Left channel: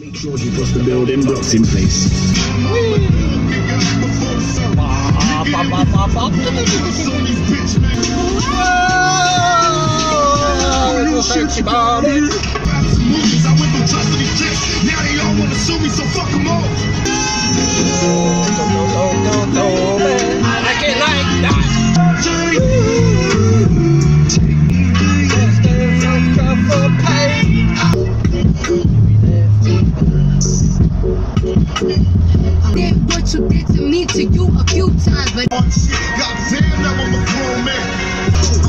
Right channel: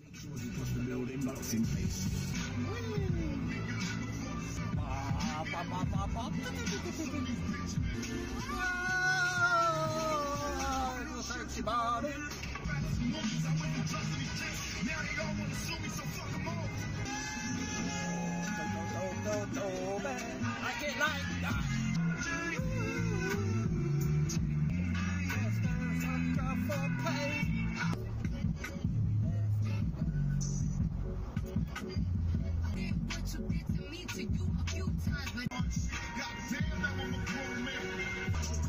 Make sure you got the building blocks in place. Now they all wanna sue me, so fuck them all. I like it like that. Did what you did to me to you a few times, but goddamn, now I'm a grown man.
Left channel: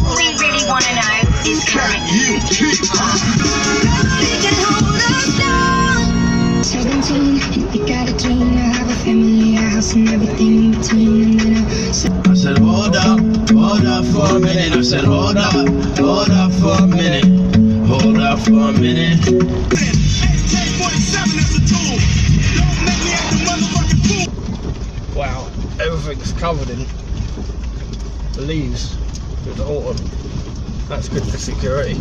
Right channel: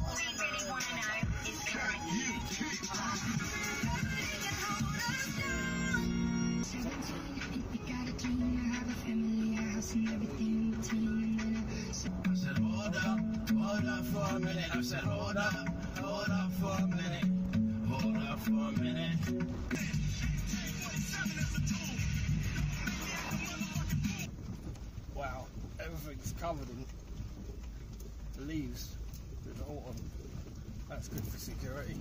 All we really want to know is can you keep up? 17, you got a dream, I have a family, a house and everything in between, and then I said hold up for a minute. I said hold up for a minute. Hold up for a minute. AK-47 is a tool. Don't make me act a motherfucking fool. Wow, everything's covered in leaves with the autumn. That's good for security.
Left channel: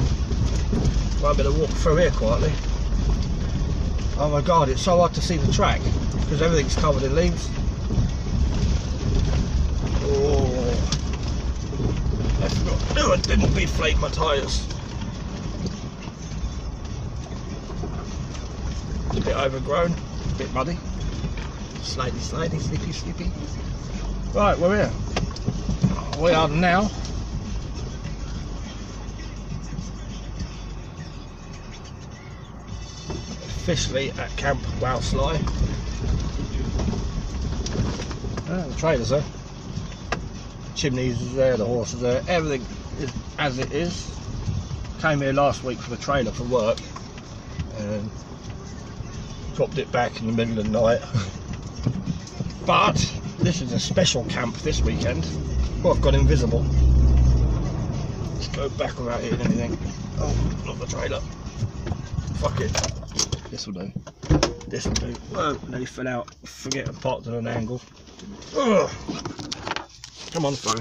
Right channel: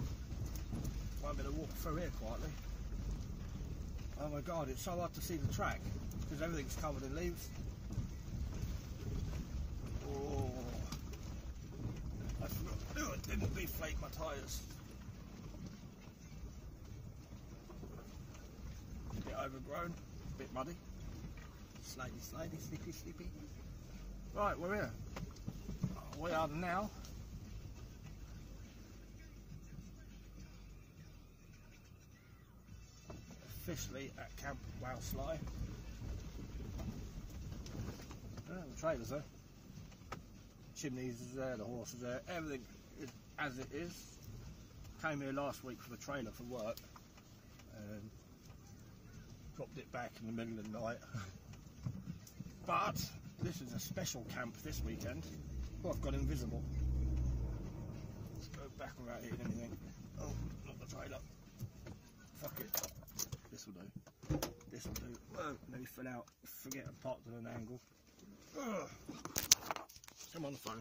Might be able to walk through here quietly. Oh my god, it's so hard to see the track because everything's covered in leaves. Oh, I forgot. No, I didn't deflate my tyres. It's a bit overgrown, a bit muddy. Slidey, sleepy. Right, we're here. We are now officially at Camp Wowsly. The trailer's there. Chimneys is there, the horse is there, everything is as it is. Came here last week for the trailer for work and dropped it back in the middle of the night. But this is a special camp this weekend. Well, I've gone invisible. Let's go back without hitting anything. Oh, not the trailer. Fuck it. This will do. This will do. Oh, nearly fell out. Forget I parked at an angle. Ugh. Come on, phone.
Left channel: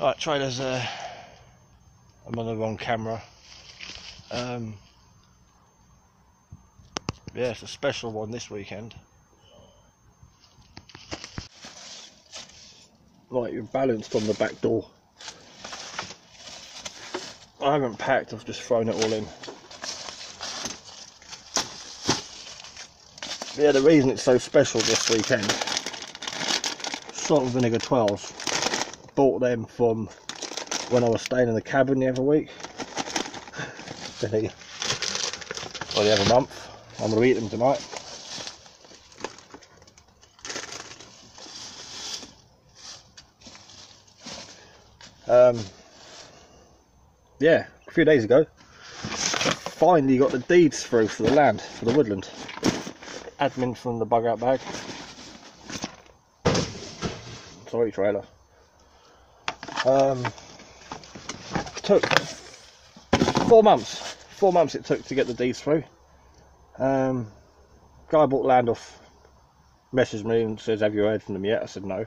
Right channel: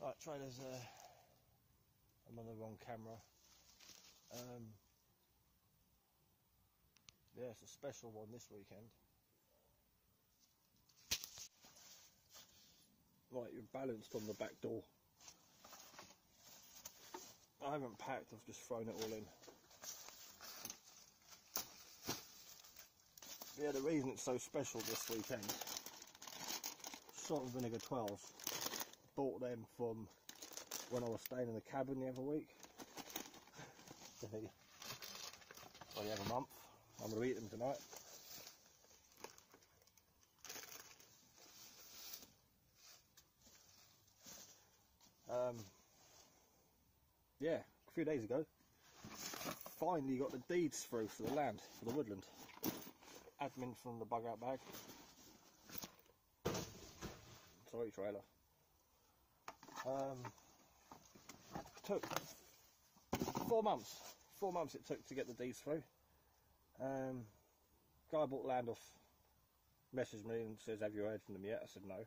Alright, trailers. I'm on the wrong camera. Yeah, it's a special one this weekend. Right, you're balanced on the back door. I haven't packed, I've just thrown it all in. Yeah, the reason it's so special this weekend, salt and vinegar 12s. Bought them from when I was staying in the cabin the other week. Or the other month. I'm going to eat them tonight. Yeah, a few days ago, finally got the deeds through for the land, for the woodland. Admin from the bug out bag. Sorry, trailer. Took 4 months. 4 months it took to get the deeds through. Guy bought land off, messaged me and says, have you heard from them yet? I said no.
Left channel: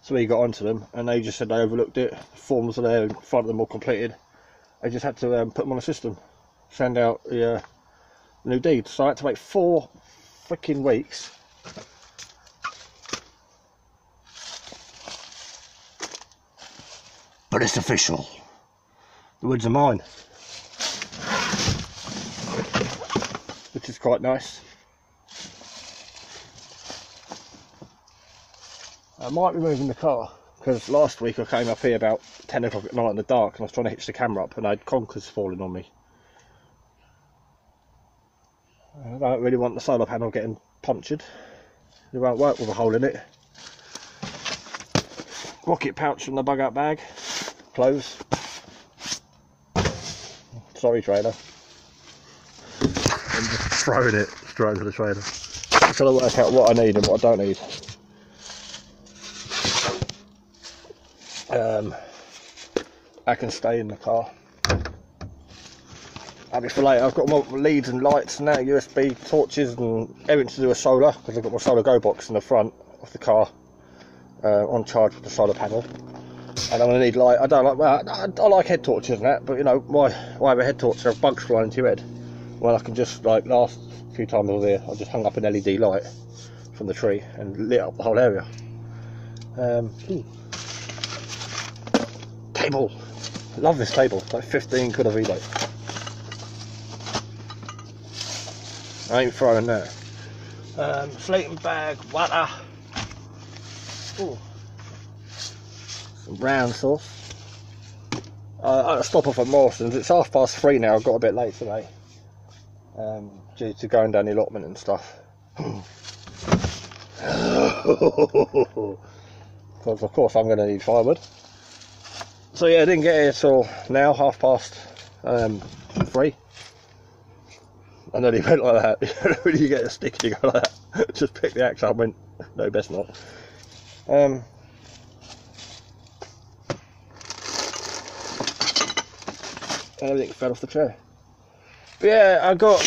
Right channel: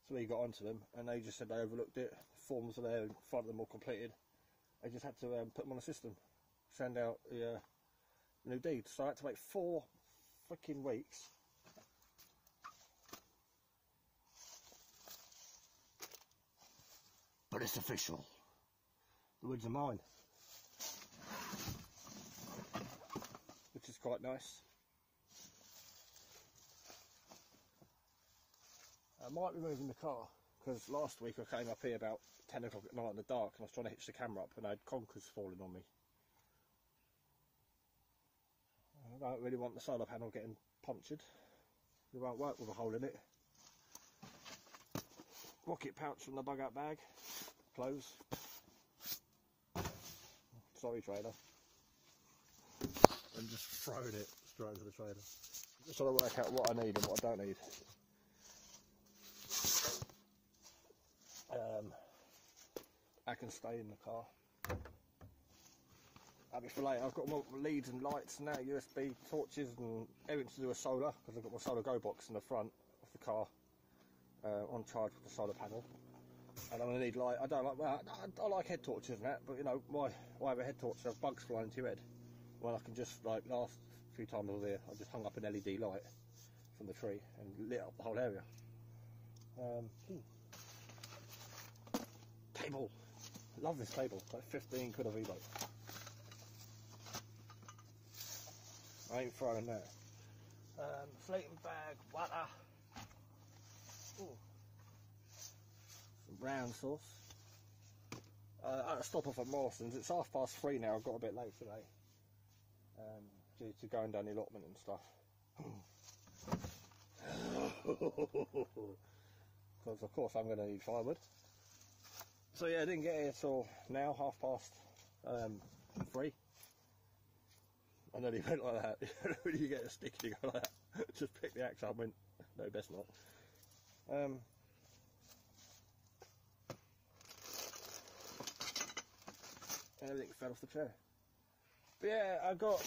So we got onto them and they just said they overlooked it. The forms are there in front of them all completed. I just had to put them on a system, send out the new deeds. So I had to wait 4 freaking weeks. But it's official. The woods are mine. Which is quite nice. I might be moving the car because last week I came up here about 10 o'clock at night in the dark and I was trying to hitch the camera up and I had conkers falling on me. I don't really want the solar panel getting punctured. It won't work with a hole in it. Rocket pouch from the bug out bag. Clothes. Sorry, trailer. I'm just throwing it straight into the trailer. I'm trying to work out what I need and what I don't need. I can stay in the car. Happy for later. I've got more leads and lights and now USB torches and everything to do with solar because I've got my solar go box in the front of the car on charge with the solar panel. And I'm gonna need light. I don't like, well, I like head torches and that, but you know, why have a head torch? There are bugs flying into your head. Well, I can just, like last few times I was here, I just hung up an LED light from the tree and lit up the whole area. Table. Love this table. It's like 15 quid a relay. I ain't throwing that. Slating bag, water. Ooh. Some brown sauce. I stop off at Morrison's. It's 3:30 now. I got a bit late today, due to going down the allotment and stuff. Because of course I'm going to need firewood. So yeah, I didn't get here till now, 3:30. I nearly went like that. When you get a stick, you go like that. Just pick the axe up and went, no, best not. Everything fell off the chair. But yeah, I got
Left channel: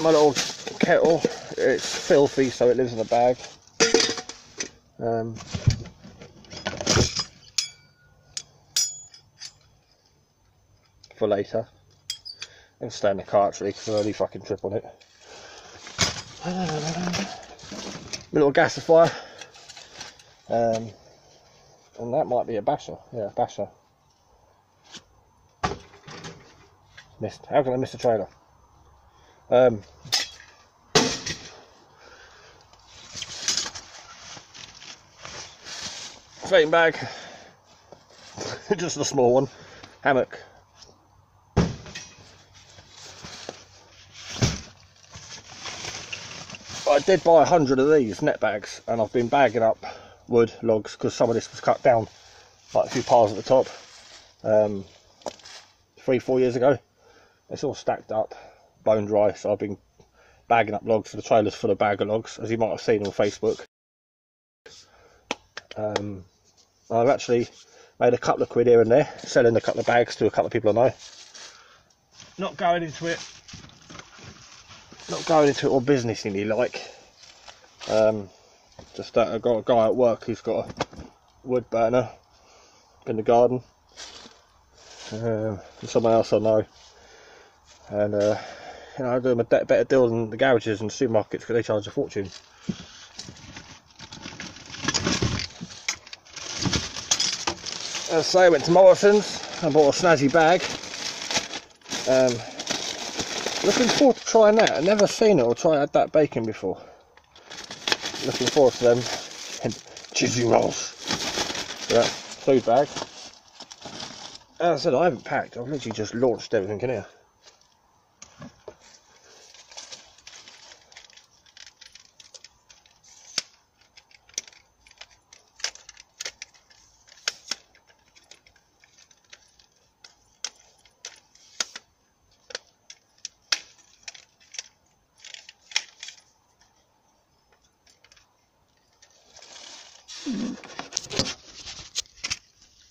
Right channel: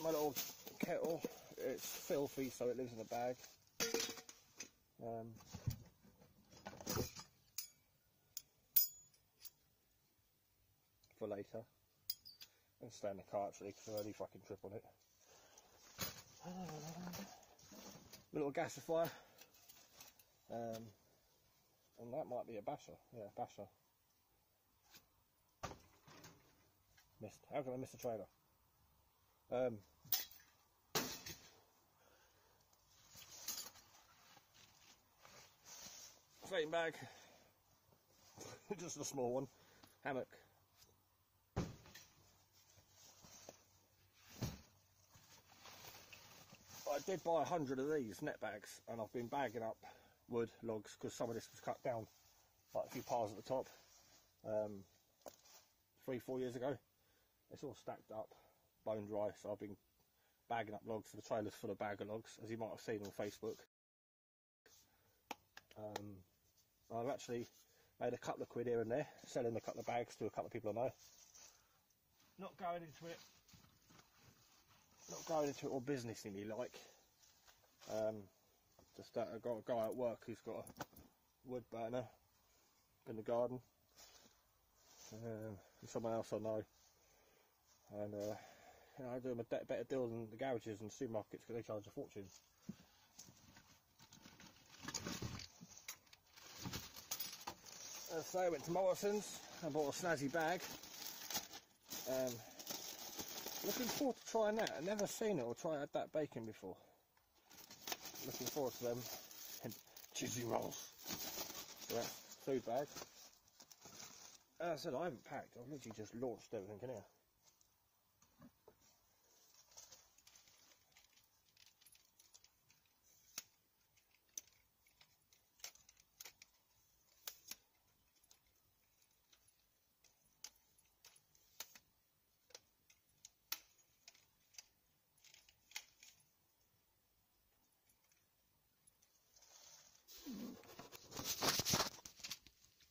my little kettle. It's filthy, so it lives in a bag. For later. And stay in the car actually, because I only fucking trip on it. My little gasifier. And that might be a basher. Yeah, basher. Missed. How can I miss a trailer? Sleeping bag. Just a small one. Hammock. I did buy 100 of these net bags, and I've been bagging up wood, logs, because some of this was cut down, like a few piles at the top, 3-4 years ago. It's all stacked up, bone dry, so I've been bagging up logs for the trailers full of bag of logs, as you might have seen on Facebook. I've actually made a couple of quid here and there, selling a couple of bags to a couple of people I know. Not going into it all businessy like. Just that I got a guy at work who's got a wood burner in the garden. And someone else I know. And you know, I do them a better deal than the garages and supermarkets because they charge a fortune. So I went to Morrison's and bought a snazzy bag. Looking forward to trying that. I've never seen it or tried that bacon before. Looking forward to them and cheesy rolls. Yeah, food bag. As I said, I haven't packed. I've literally just launched everything in here.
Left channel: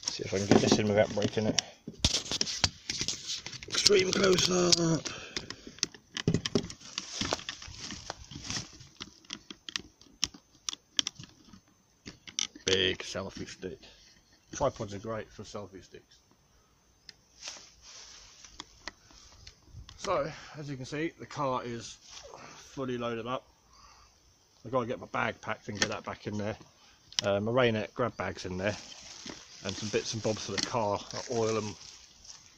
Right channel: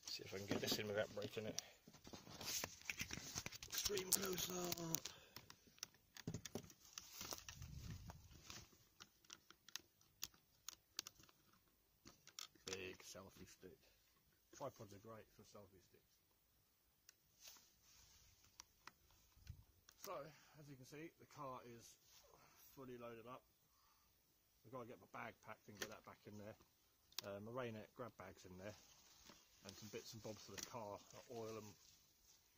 See if I can get this in without breaking it. Extreme close up. Big selfie stick. Tripods are great for selfie sticks. So, as you can see, the car is fully loaded up. I've got to get my bag packed and get that back in there. My rainette grab bags in there. And some bits and bobs for the car, like oil and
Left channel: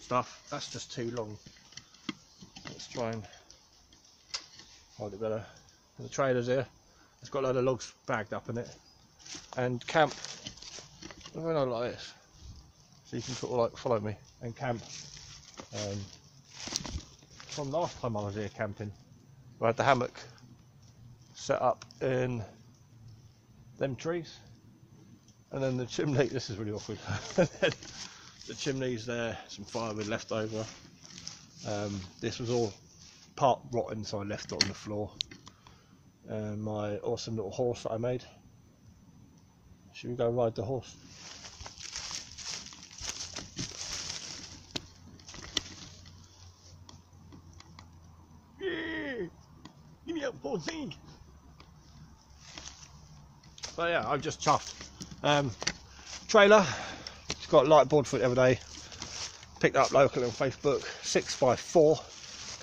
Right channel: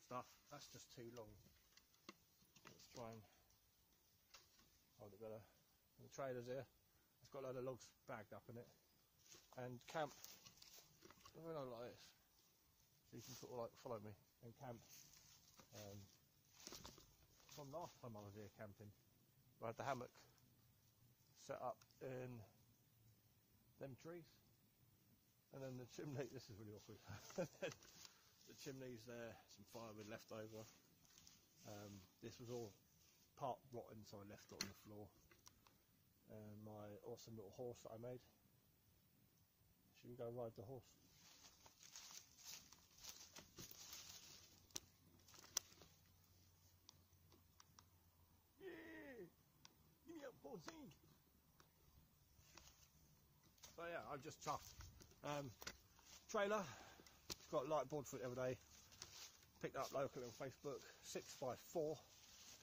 stuff. That's just too long. Let's try and hold it better. The trailer's here. It's got a load of logs bagged up in it. And camp. I don't know, like this. So you can sort of like follow me and camp. From last time I was here camping, I had the hammock set up in them trees. And then the chimney, this is really awkward. The chimney's there, some firewood left over. This was all part rotten, so I left it on the floor. My awesome little horse that I made. Should we go ride the horse? Yeah! Give me a horsing! So yeah, I've just chuffed. Trailer, got a light board for it the other day. Picked it up locally on Facebook. 6x4.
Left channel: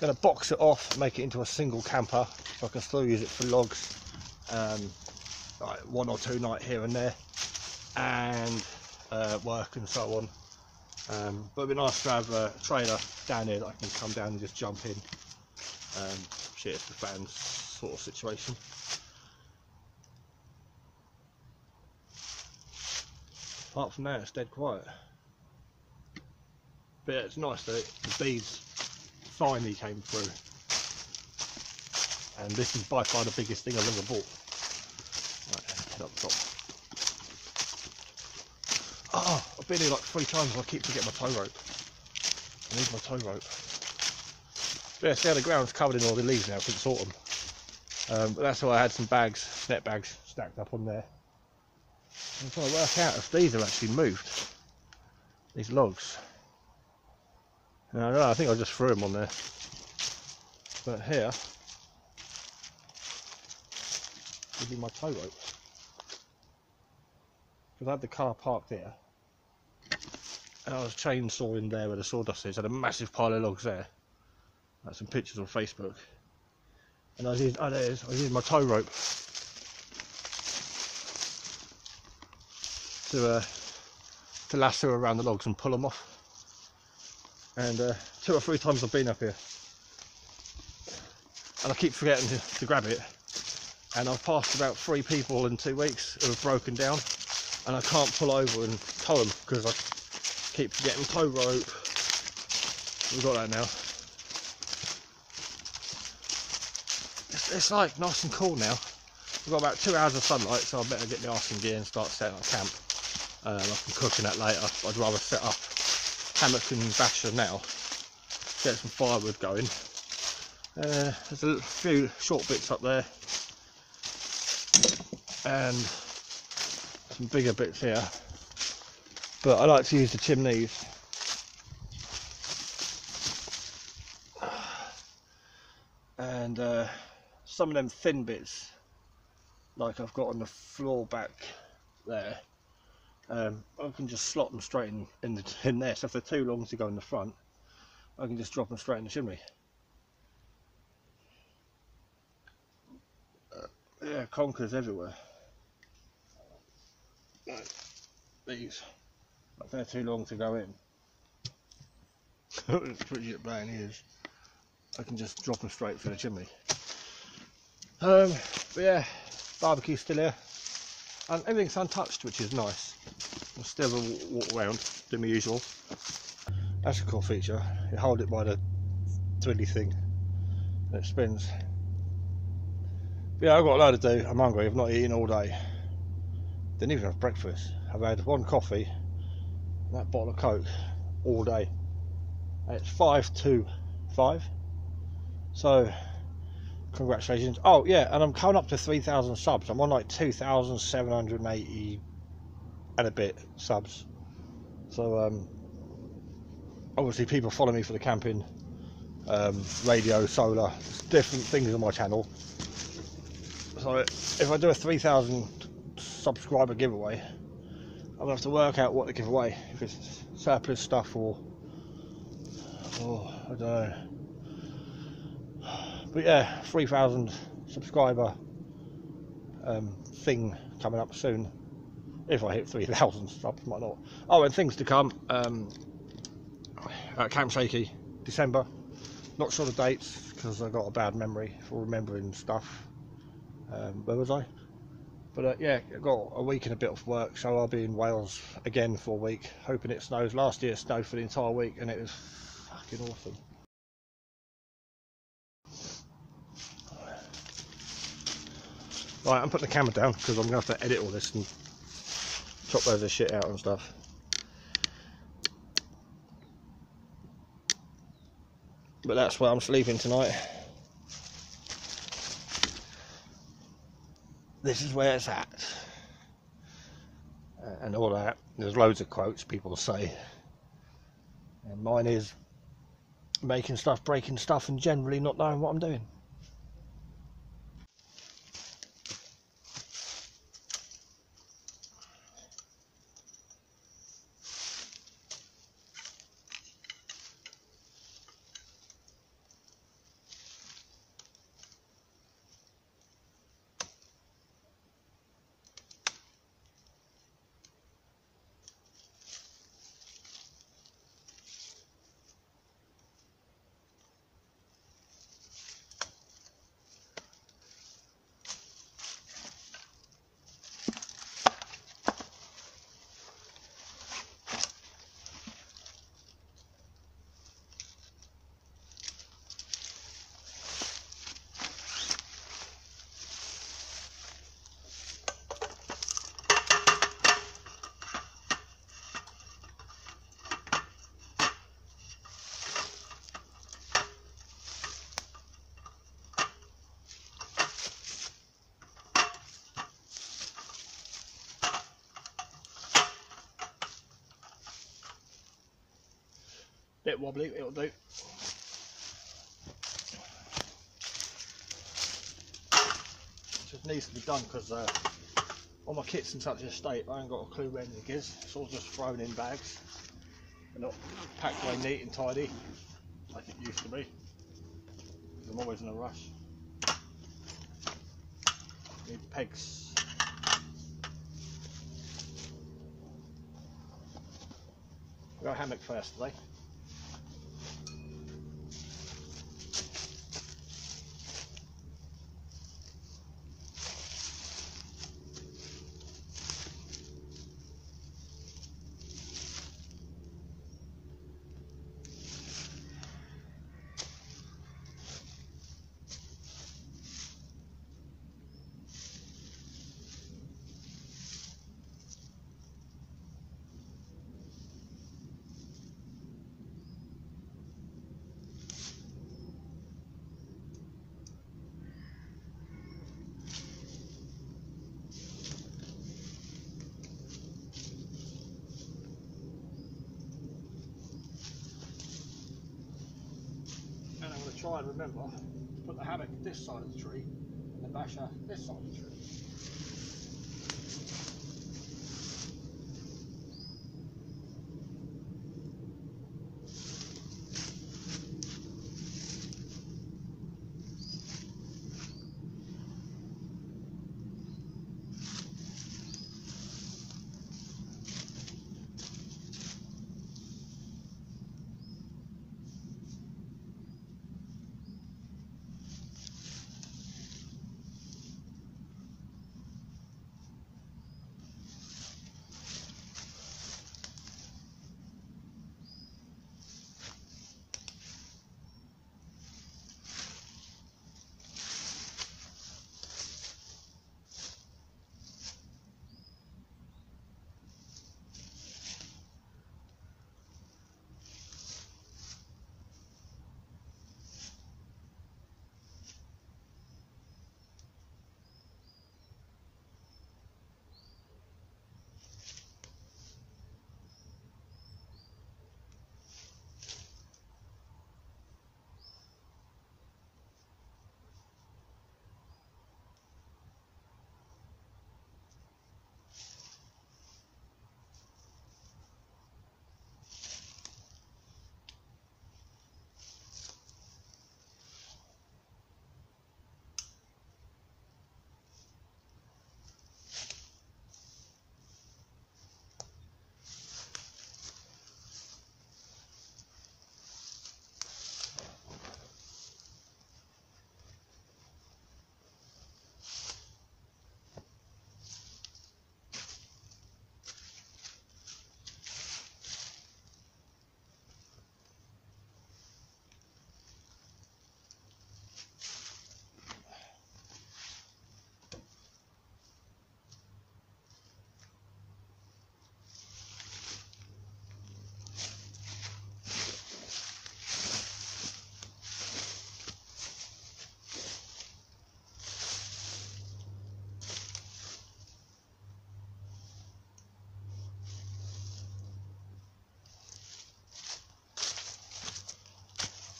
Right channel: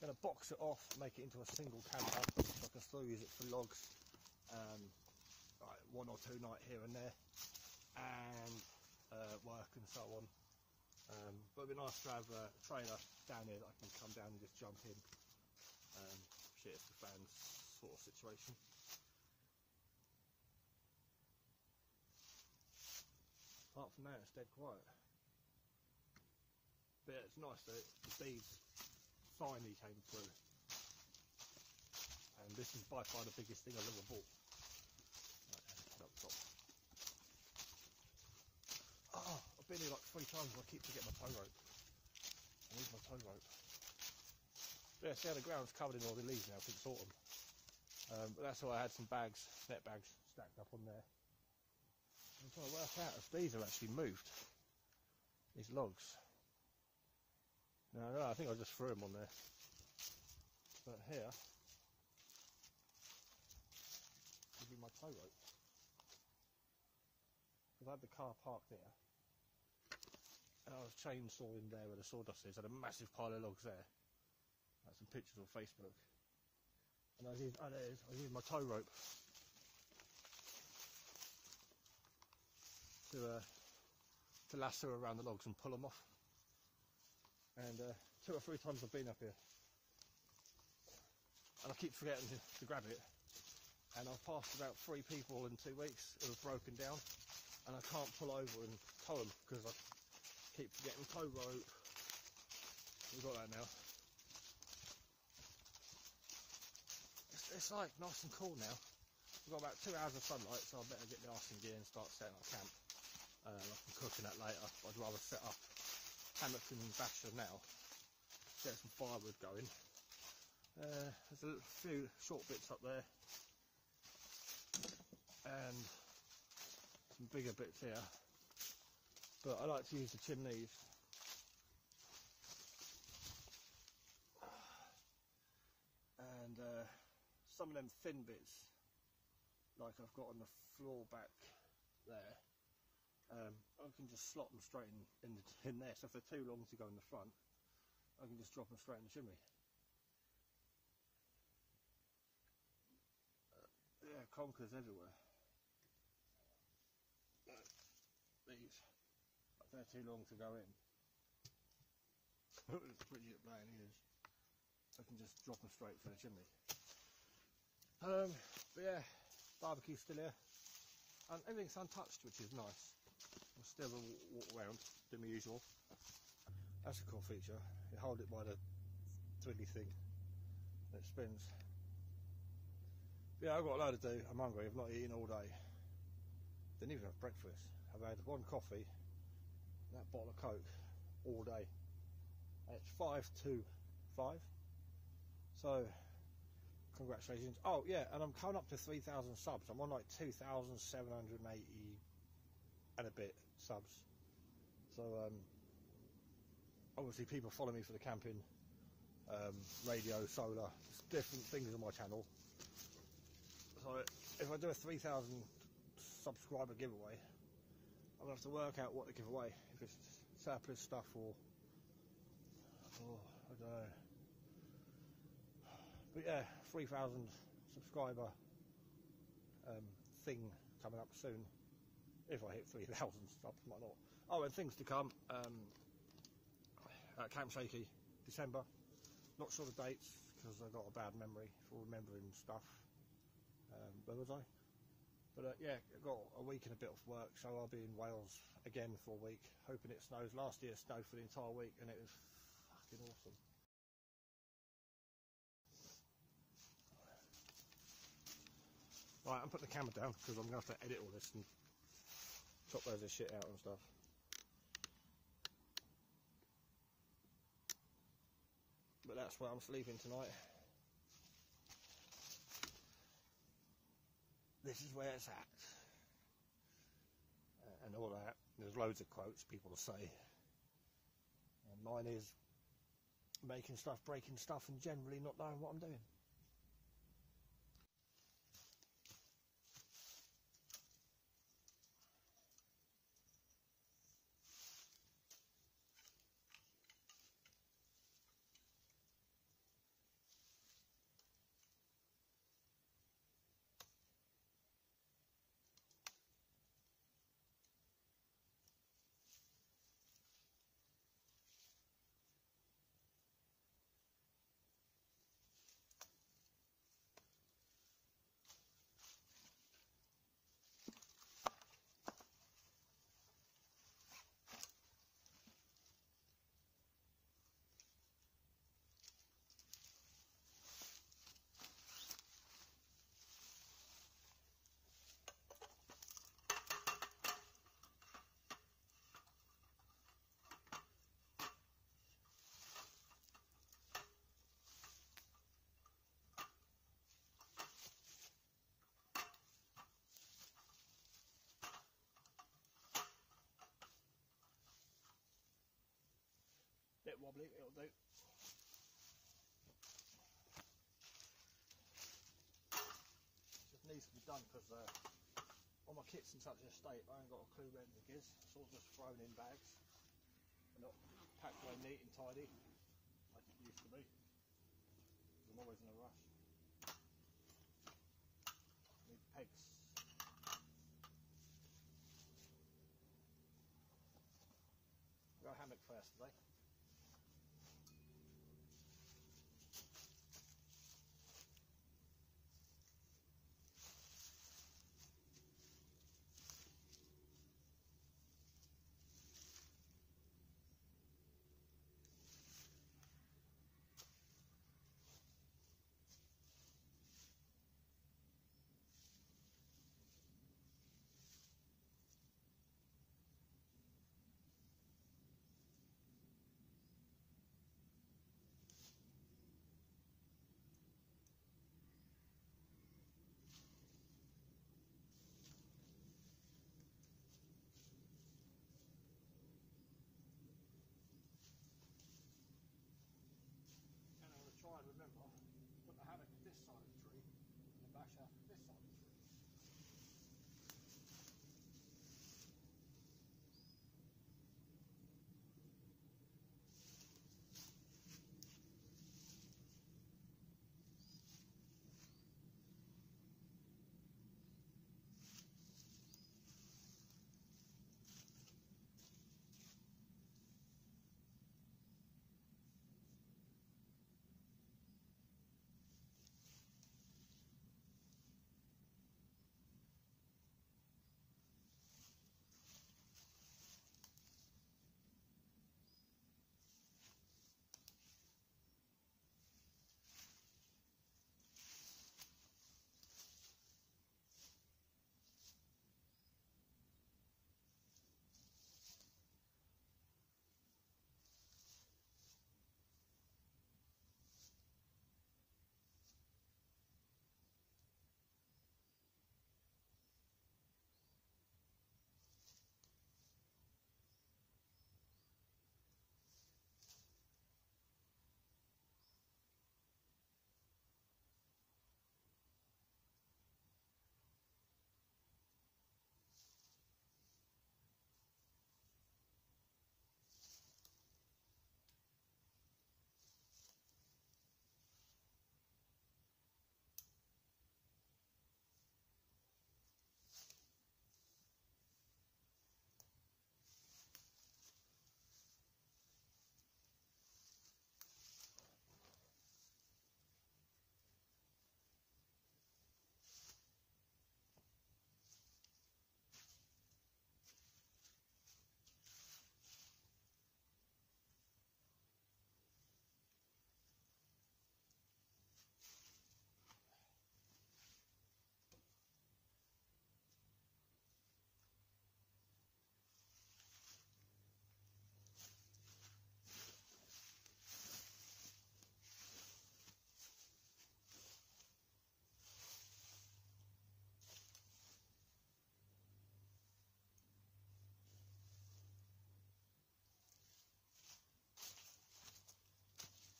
Going to box it off, make it into a single camper, so I can still use it for logs, like 1 or 2 nights here and there, and work and so on. But it'd be nice to have a trailer down here that I can come down and just jump in. Shit, it's the fans sort of situation. Apart from that, it's dead quiet. But yeah, it's nice that the bees finally came through, and this is by far the biggest thing I've ever bought. Right, head up top. Oh, I've been here like 3 times and I keep forgetting my tow rope. I need my tow rope. But yeah, see how the ground's covered in all the leaves now because it's autumn. But that's why I had some bags, net bags, stacked up on there. I'm trying to work out if these have actually moved, these logs. I don't know, I think I just threw them on there. But here, this is my tow rope. Because I had the car parked there, and I was chainsawing there where the sawdust is. I had a massive pile of logs there. I had some pictures on Facebook. And I was using, I was using my tow rope to lasso around the logs and pull them off. And 2 or 3 times I've been up here and I keep forgetting to grab it, and I've passed about 3 people in 2 weeks who have broken down and I can't pull over and tow them because I keep forgetting tow rope. We've got that now. It's like nice and cool now. We've got about 2 hours of sunlight, so I better get my arse in gear and start setting up camp. I can cook in that later. I'd rather set up hammock and basher now, get some firewood going. There's a few short bits up there and some bigger bits here, but I like to use the chimneys and some of them thin bits like I've got on the floor back there. I can just slot them straight in there, so if they're too long to go in the front, I can just drop them straight in the chimney. Yeah, conkers everywhere. Like these, if they're too long to go in, it's pretty at brown ears, I can just drop them straight through the chimney. But yeah, barbecue's still here, and everything's untouched, which is nice. I'll still walk around, do my usual. That's a cool feature. You hold it by the twilly thing and it spins. But yeah, I've got a load to do. I'm hungry. I've not eaten all day. Didn't even have breakfast. I've had 1 coffee and that bottle of Coke all day. And it's 5 to 5. So congratulations. Oh yeah, and I'm coming up to 3,000 subs. I'm on like 2,780 and a bit subs. So obviously people follow me for the camping, radio, solar, different things on my channel. So if I do a 3,000 subscriber giveaway, I'm gonna have to work out what to give away, if it's surplus stuff or I don't know. But yeah, 3,000 subscriber thing coming up soon. If I hit 3,000 subs, might not. Oh, and things to come. Camp Shaky, December. Not sure the dates because I got a bad memory for remembering stuff. Where was I? But yeah, I got a week and a bit of work, so I'll be in Wales again for a week, hoping it snows. Last year it snowed for the entire week, and it was fucking awesome. Right, I'm putting the camera down because I'm going to have to edit all this and chop loads of shit out and stuff. But that's where I'm sleeping tonight. This is where it's at. And all that. There's loads of quotes people say. And mine is making stuff, breaking stuff, and generally not knowing what I'm doing. Bit wobbly, it'll do. Just needs to be done because all my kit's in such a state, I ain't got a clue where anything is. It's all just thrown in bags and not packed away neat and tidy like it used to be. I'm always in a rush. Need pegs. We'll go hammock first today. Try and remember to put the hammock this side of the tree and the basher this side of the tree.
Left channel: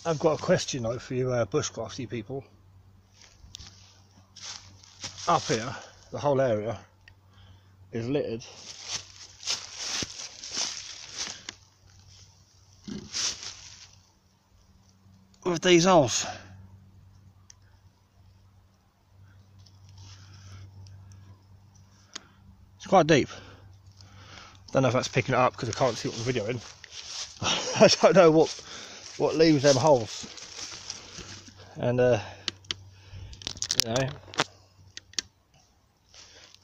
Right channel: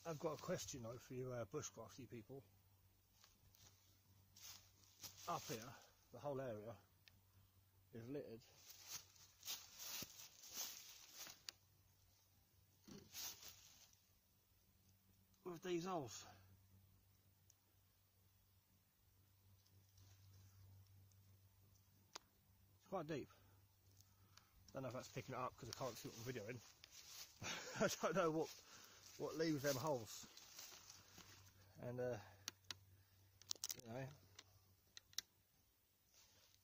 I've got a question though for you bushcrafty people. Up here, the whole area is littered with these holes. It's quite deep. Don't know if that's picking it up because I can't see what I'm videoing. I don't know what leaves them holes, and you know,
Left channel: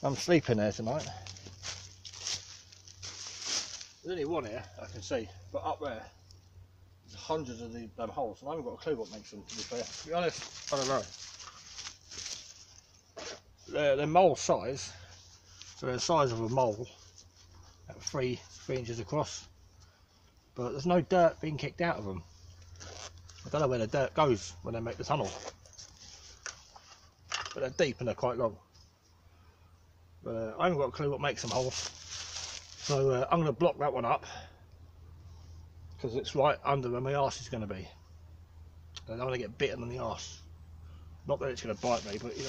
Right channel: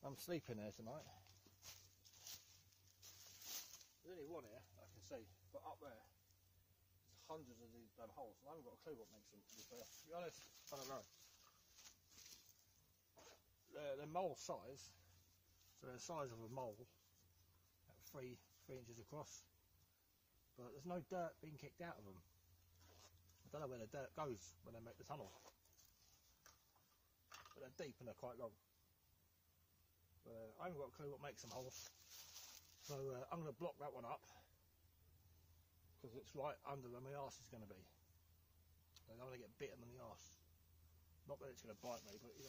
I'm sleeping there tonight. There's only one here I can see, but up there there's hundreds of them holes, and I haven't got a clue what makes them, to be fair. To be honest, I don't know. They're mole size, so they're the size of a mole at 3 inches across, but there's no dirt being kicked out of them. I don't know where the dirt goes when they make the tunnel, but they're deep and they're quite long. But I haven't got a clue what makes them holes, so I'm going to block that one up, because it's right under where my arse is going to be. I don't want to get bitten on the arse. Not that it's going to bite me, but you know.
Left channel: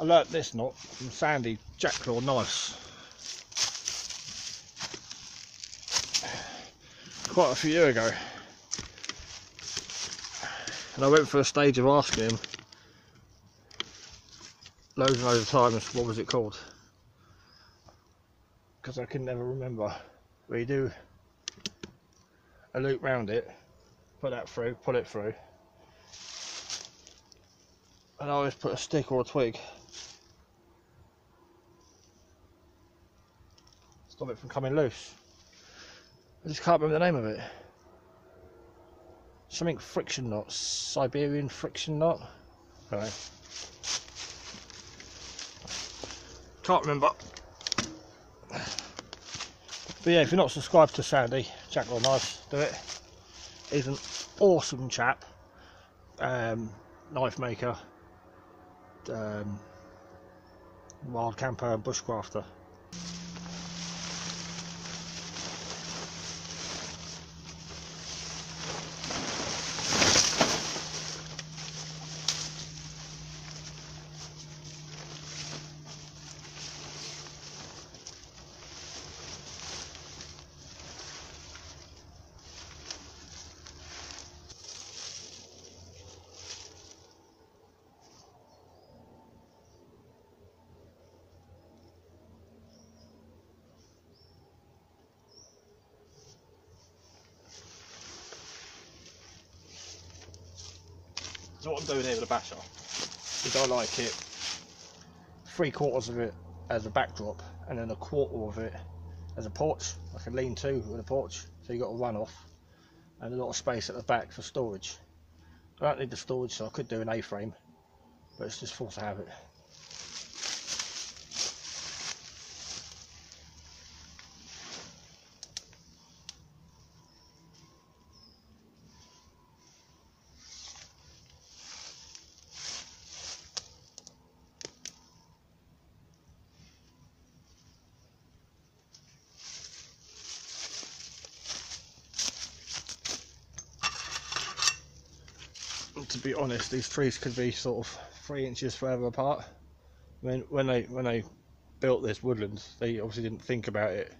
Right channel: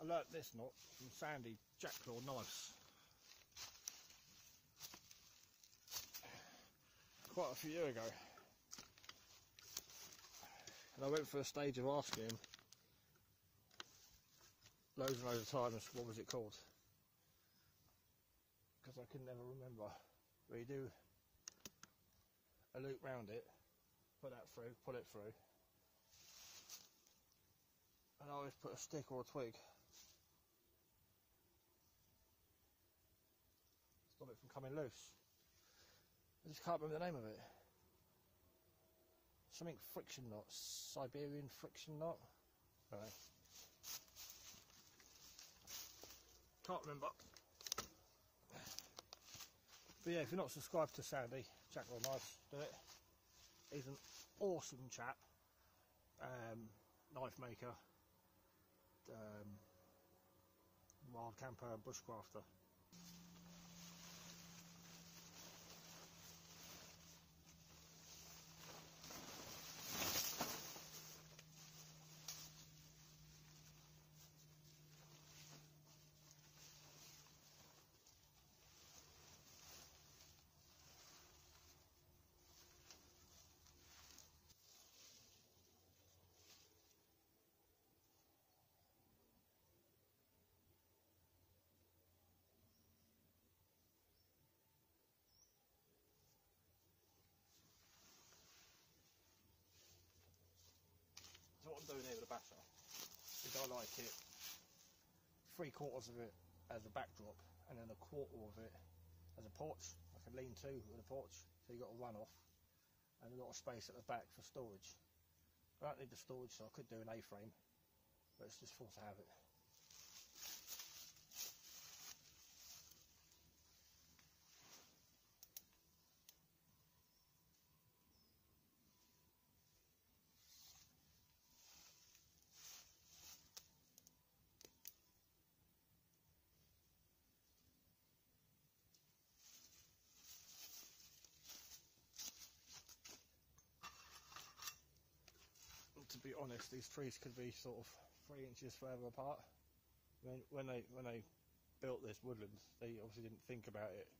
I learnt this knot from Sandy Jackclaw knives quite a few years ago, and I went through a stage of asking him loads and loads of times what was it called, because I can never remember. Where you do a loop round it, put that through, pull it through, and I always put a stick or a twig. Stop it from coming loose. I just can't remember the name of it. Something friction knot, Siberian friction knot. Right. Can't remember. But yeah, if you're not subscribed to Sandy Jackclaw Knives, do it. He's an awesome chap, knife maker, wild camper and bushcrafter. So what I'm doing here with the basher is I like it 3/4 of it as a backdrop and then 1/4 of it as a porch, like a lean-to with a porch, so you got a run-off and a lot of space at the back for storage. I don't need the storage, so I could do an A-frame, but it's just forced to have it. To be honest, these trees could be sort of 3 inches further apart. I mean, when they built this woodland, they obviously didn't think about it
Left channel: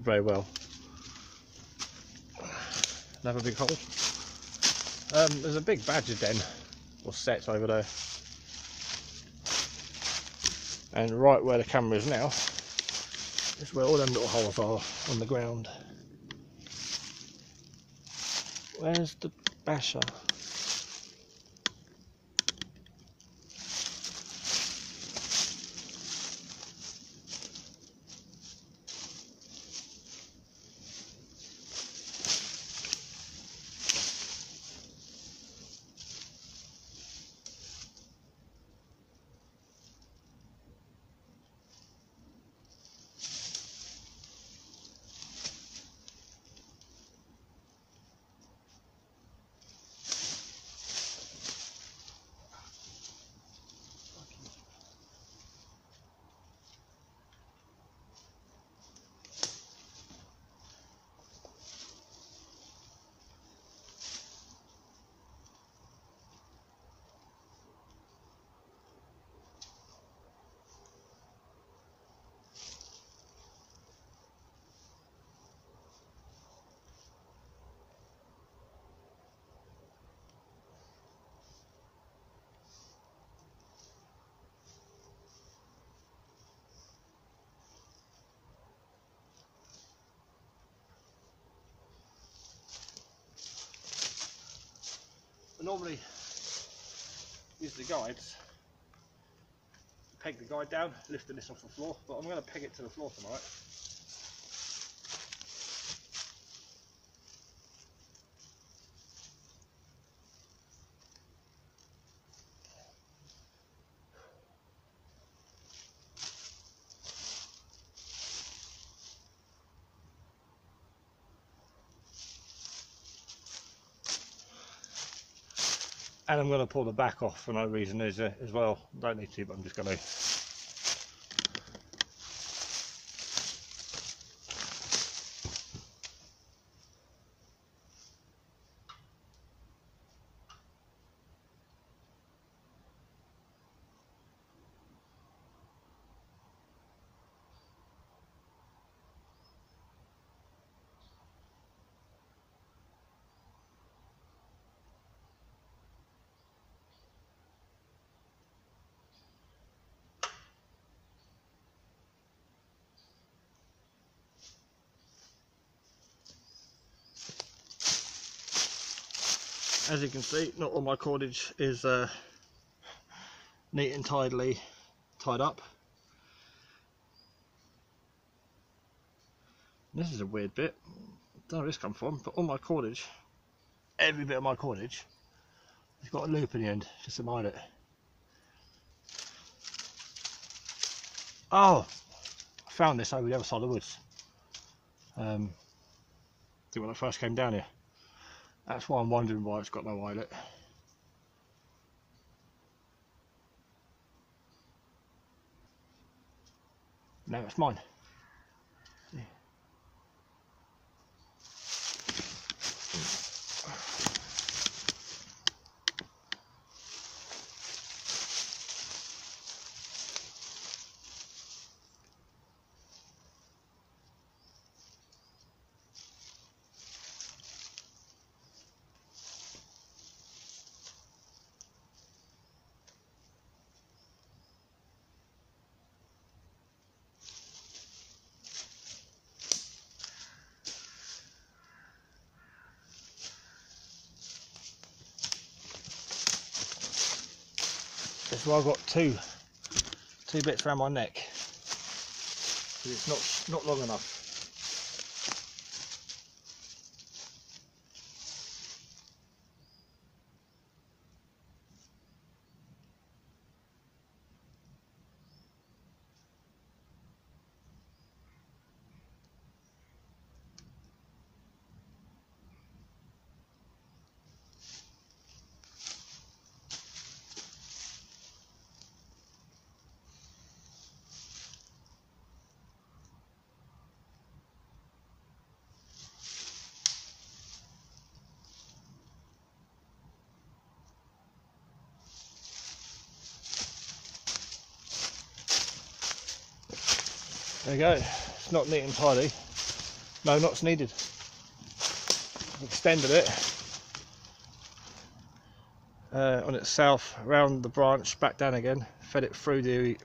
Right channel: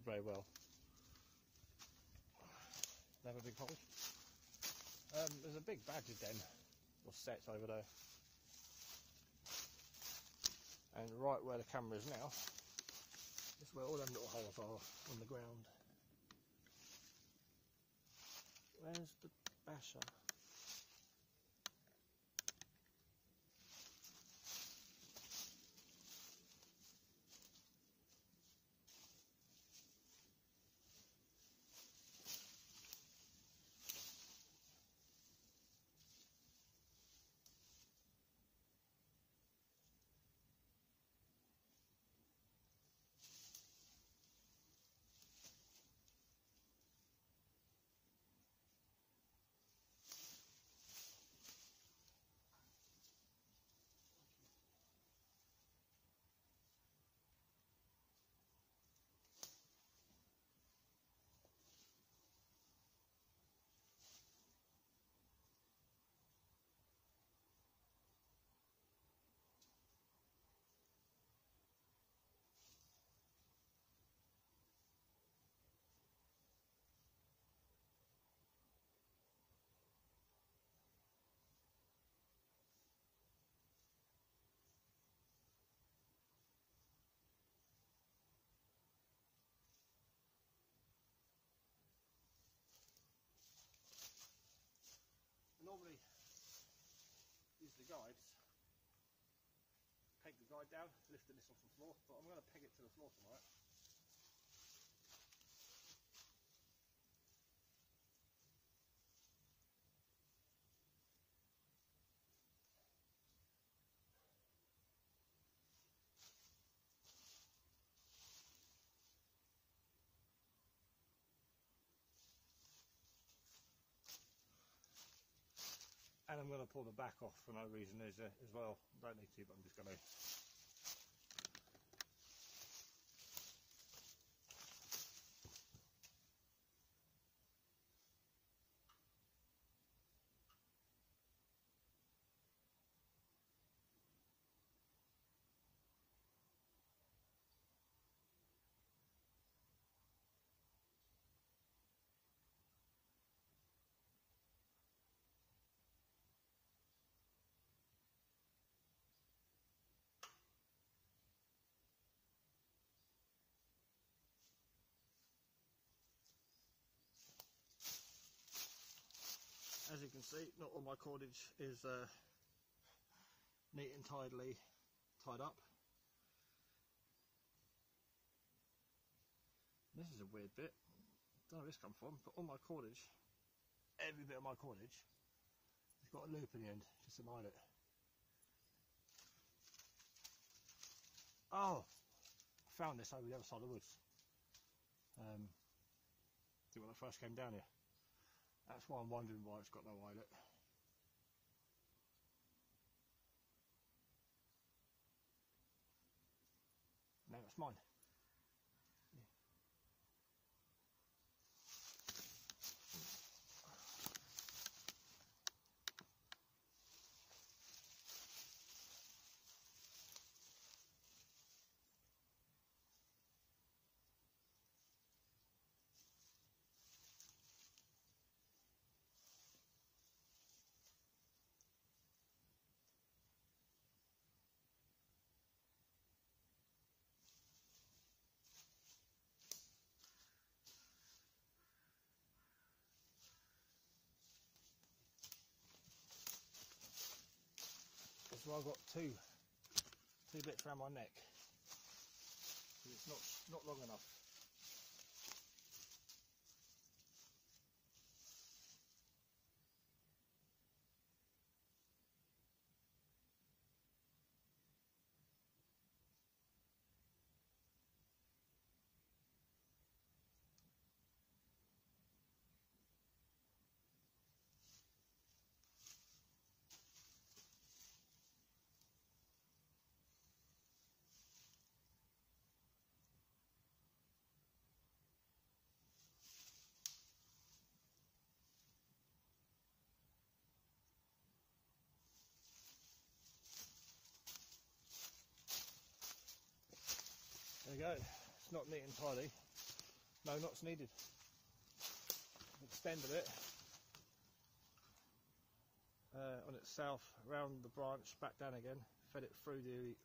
very well. Another big hole. There's a big badger den or set over there, and right where the camera is now is where all them little holes are on the ground. Where's the basher? normally use the guides, peg the guide down, lifting this off the floor, but I'm going to peg it to the floor tonight. And I'm going to pull the back off for no reason as well. Don't need to, but I'm just going to. As you can see, not all my cordage is neat and tidily tied up. This is a weird bit. I don't know where this come from, but all my cordage, every bit of my cordage, has got a loop in the end just to mind it. Oh, I found this over the other side of the woods. I think when I first came down here. That's why I'm wondering why it's got no eyelet. No, it's mine. See? That's why I've got two bits around my neck, because it's not long enough. There you go, it's not neat and tidy. No knots needed. I've extended it on itself, around the branch, back down again, fed it through the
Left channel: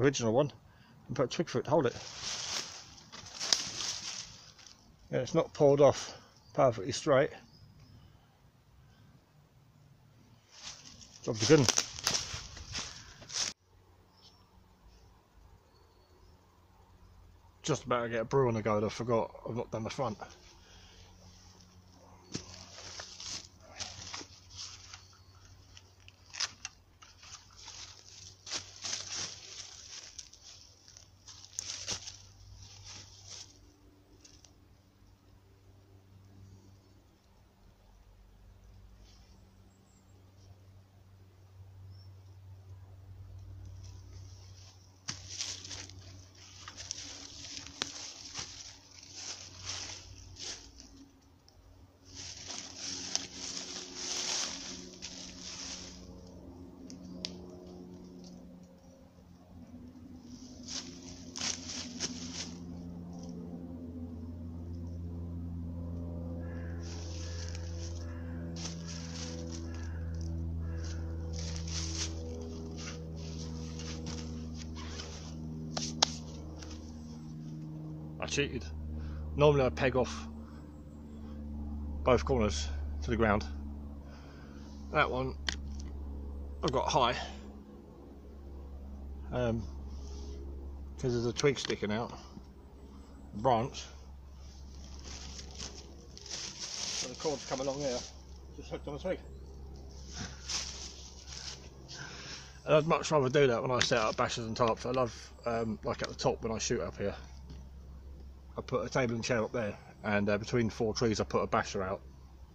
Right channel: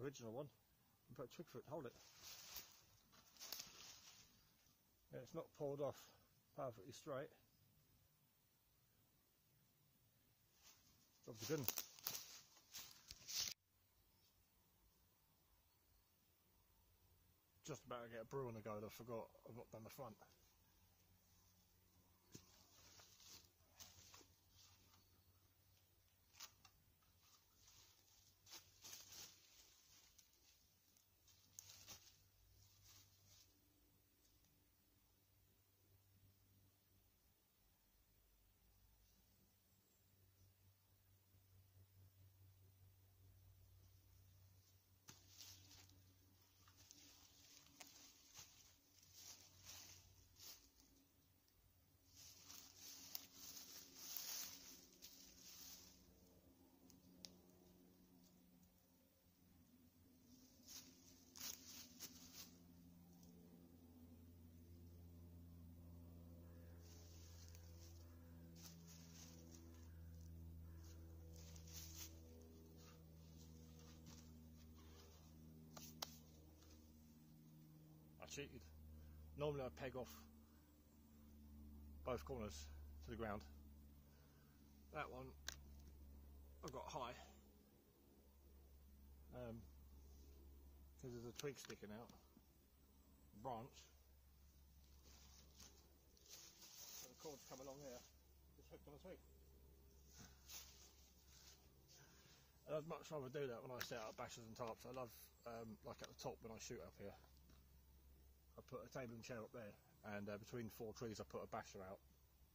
original one, and put a twig through it to hold it. Yeah, it's not pulled off perfectly straight. Job's a good one. Just about to get a brew on the go, I forgot I've not done the front. I cheated. Normally I peg off both corners to the ground, That one I've got high because there's a twig sticking out, a branch. So the cord's come along here, just hooked on a twig. And I'd much rather do that when I set up bashers and tarps. I love, like at the top when I shoot up here, I put a table and chair up there, and between 4 trees I put a basher out,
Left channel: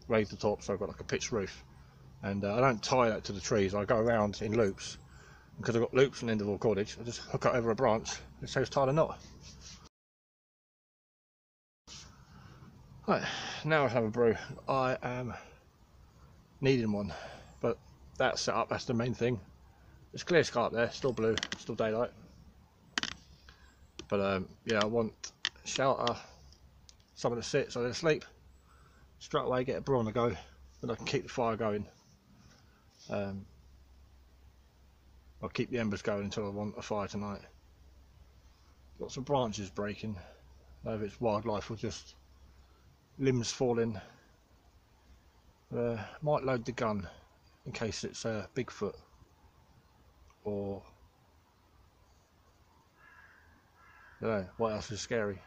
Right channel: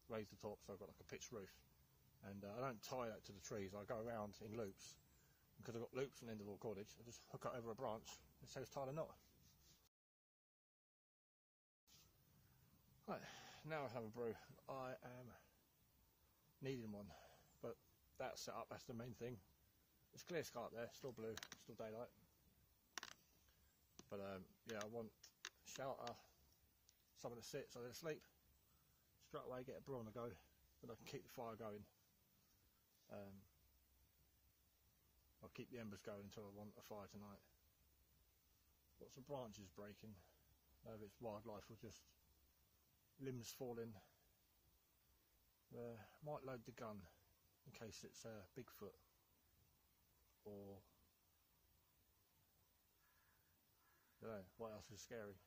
raise the top so I've got like a pitched roof. And I don't tie that to the trees, I go around in loops. Because I've got loops on the end of all cordage, I just hook it over a branch, it saves tying a knot. Right, now I have a brew. I am needing one, but that's set up, that's the main thing. There's clear sky up there, still blue, still daylight. But yeah, I want shelter, somewhere to sit so they're asleep. Straight away get a brew on the go, then I can keep the fire going. I'll keep the embers going until I want a fire tonight. Lots of branches breaking, whether it's wildlife or just limbs falling. Might load the gun in case it's Bigfoot or I don't know, what else is scary.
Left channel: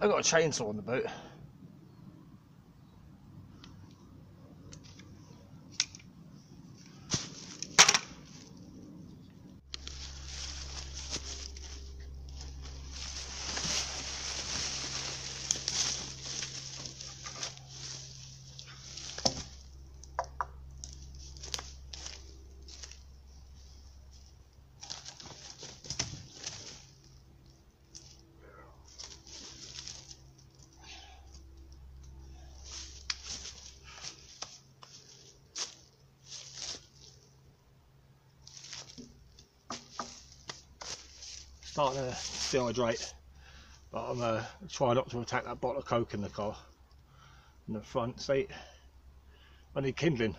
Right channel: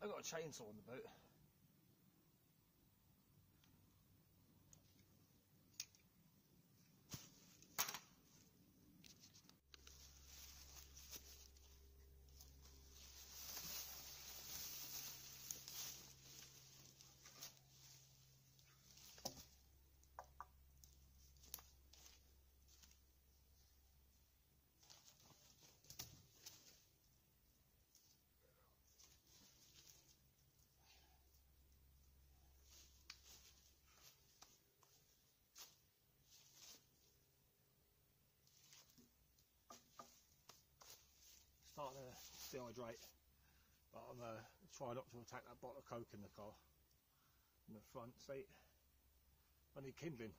I've got a chainsaw on the boat. Starting to dehydrate, but I'm trying not to attack that bottle of Coke in the car, in the front seat. I need kindling.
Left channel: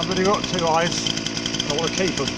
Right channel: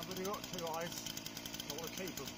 I've only got 2 eyes, I want to keep them.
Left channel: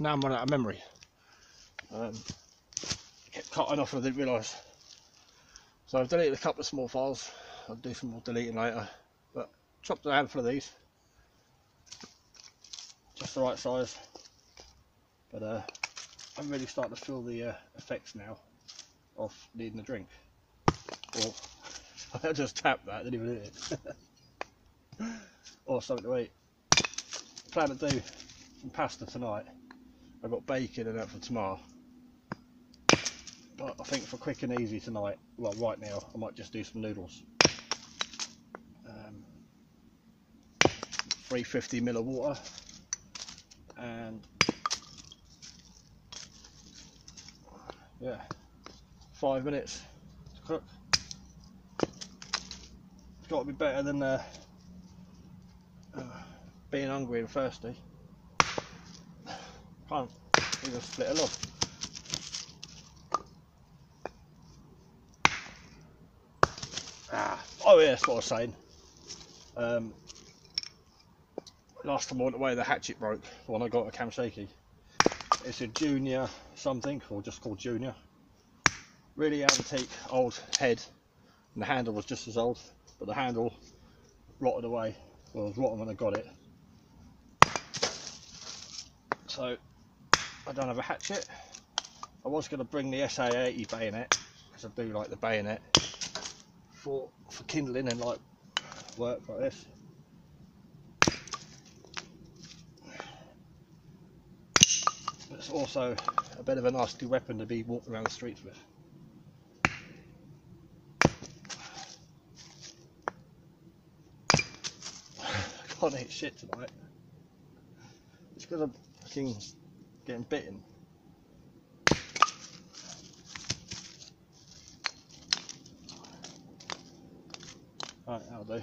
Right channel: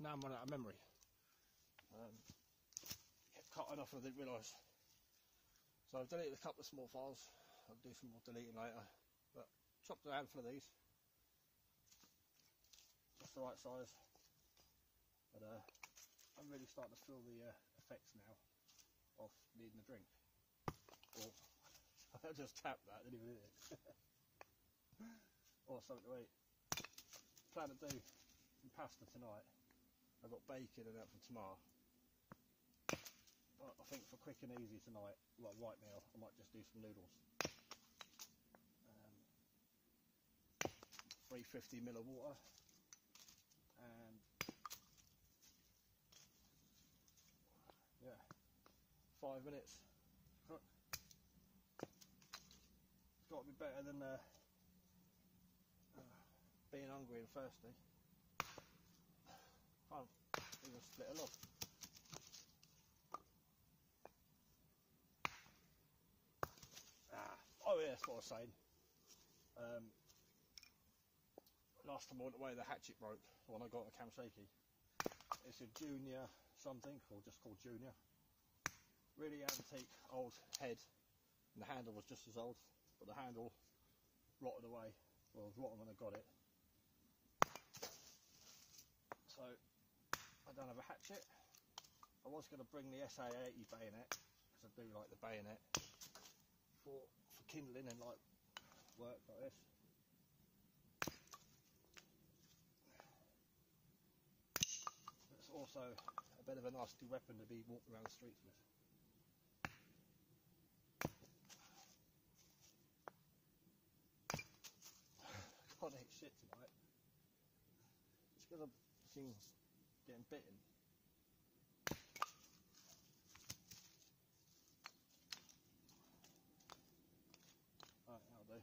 Now I'm running out of memory. Kept cutting off and I didn't realise. So I've deleted a couple of small files. I'll do some more deleting later. But chopped a handful of these. Just the right size. But I'm really starting to feel the effects now. off needing a drink. Or I just tapped that, didn't even hit it. Or something to eat. Plan to do some pasta tonight. I've got bacon and that for tomorrow. But I think for quick and easy tonight, well right now, I might just do some noodles. 350ml of water and yeah, 5 minutes to cook. It's got to be better than being hungry and thirsty. Can't even split a log. Oh yeah, that's what I was saying. Last time I went away, the hatchet broke when I got a Kamseki. It's a Junior something, or just called Junior. Really antique old head, and the handle was just as old, but the handle rotted away. Well, it was rotten when I got it. So I don't have a hatchet. I was going to bring the SA80 bayonet, because I do like the bayonet for kindling and like work like this. But it's also a bit of a nasty weapon to be walking around the streets with. I can't eat shit tonight. It's because I'm fucking getting bitten. Right, that'll do.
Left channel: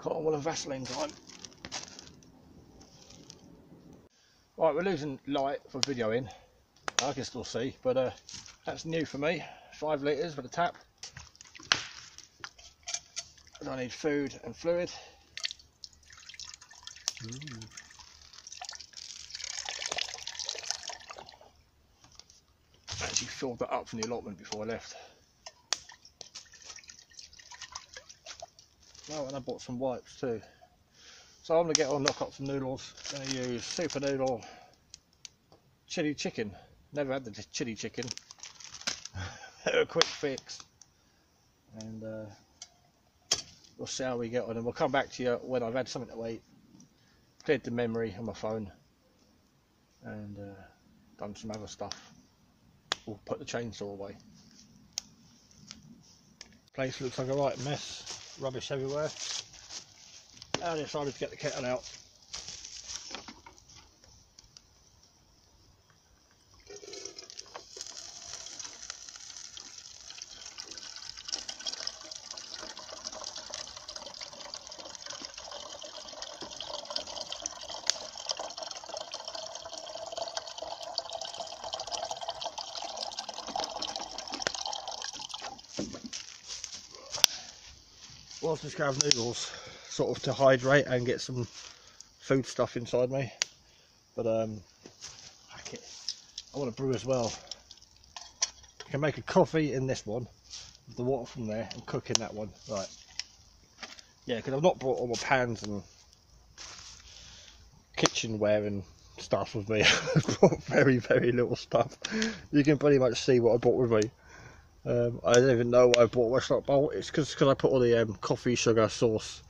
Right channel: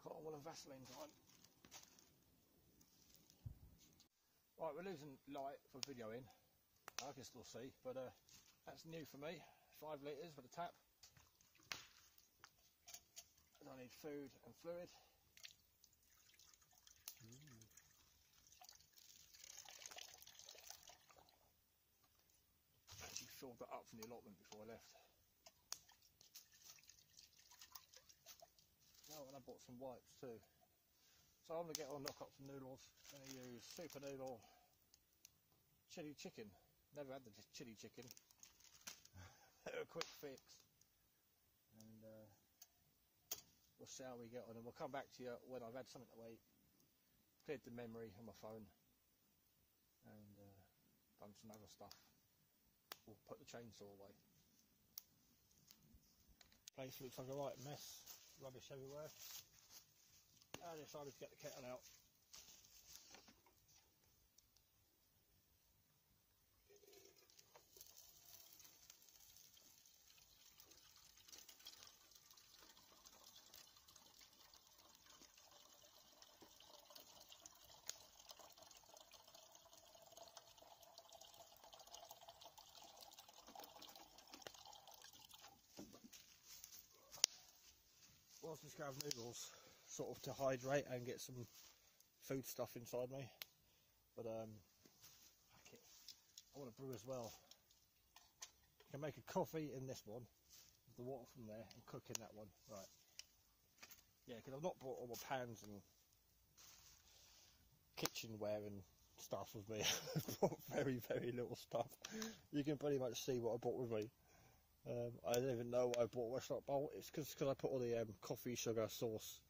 Can't want a Vaseline time. Right, we're losing light for videoing. I can still see, but that's new for me. 5 litres for the tap. And I need food and fluid. Actually filled that up from the allotment before I left. Oh, and I bought some wipes too. So I'm going to get on, knock up some noodles. I'm going to use super noodle chili chicken. Never had the chili chicken. A quick fix. And we'll see how we get on, and we'll come back to you when I've had something to eat, cleared the memory on my phone, and done some other stuff. We'll put the chainsaw away. Place looks like a right mess. Rubbish everywhere. I decided to get the kettle out. Was just going to have noodles, sort of to hydrate and get some food stuff inside me, but I want to brew as well. I can make a coffee in this one, with the water from there, and cook in that one. Right, yeah, because I've not brought all my pans and kitchenware and stuff with me. I've brought very little stuff. You can pretty much see what I brought with me. I don't even know why I bought a Westlock bowl. It's because I put all the coffee, sugar, sauce,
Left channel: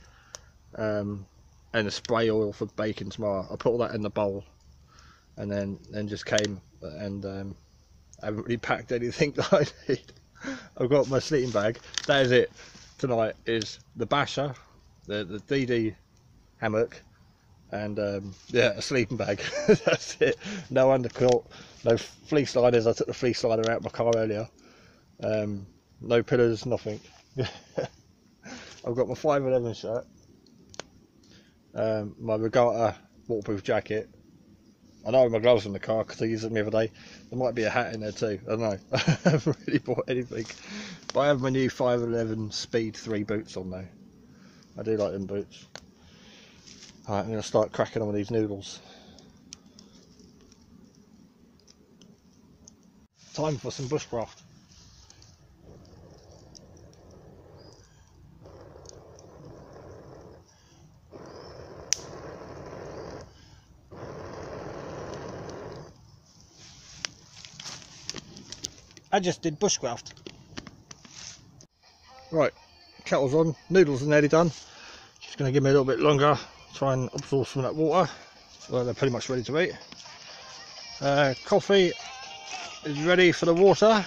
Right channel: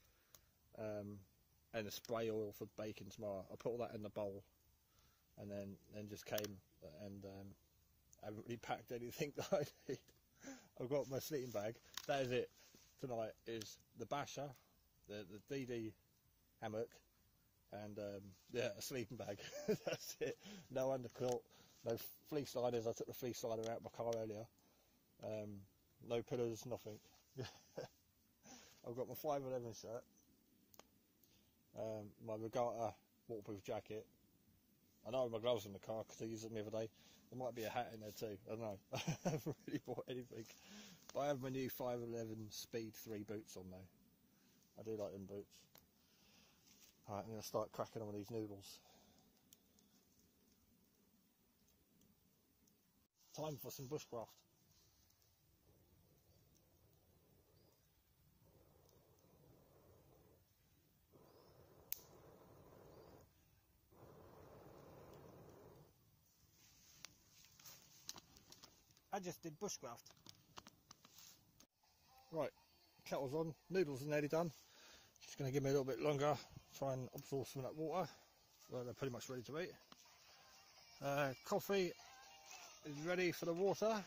and the spray oil for baking tomorrow. I put all that in the bowl, and then just came, and I haven't really packed anything that I need. I've got my sleeping bag. That is it. Tonight is the basher, the DD hammock, and yeah, a sleeping bag. That's it. No underquilt, no fleece liners. I took the fleece liner out of my car earlier. No pillars, nothing. I've got my 511 shirt, my regatta waterproof jacket. I know my gloves in the car because I used them the other day. There might be a hat in there too, I don't know. I haven't really bought anything, but I have my new 511 Speed 3 boots on now. I do like them boots. Alright, I'm going to start cracking on with these noodles. Time for some bushcraft. I just did bushcraft. Right, kettle's on, noodles are nearly done. Just going to give me a little bit longer, try and absorb some of that water. Well, they're pretty much ready to eat. Coffee is ready for the water,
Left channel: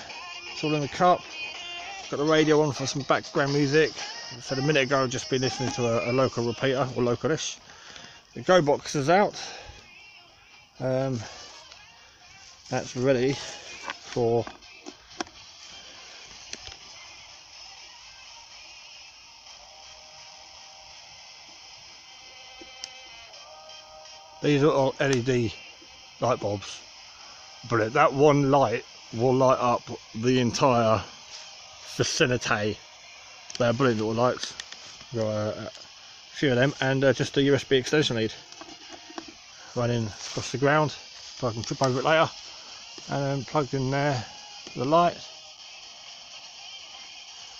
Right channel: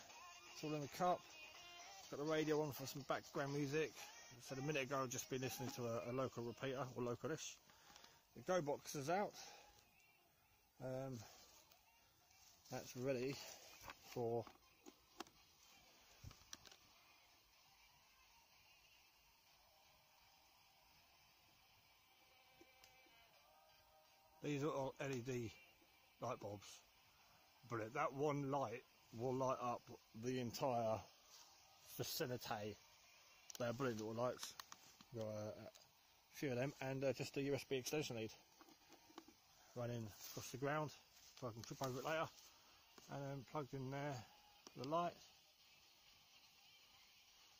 it's all in the cup. Got the radio on for some background music. As I said a minute ago, I've just been listening to a local repeater, or localish. The go box is out. That's ready for these are all LED light bulbs. Brilliant. That one light will light up the entire vicinity. They're brilliant little lights. Got a few of them, and just a USB extension lead running across the ground, so I can trip over it later. And then plugged in there the light.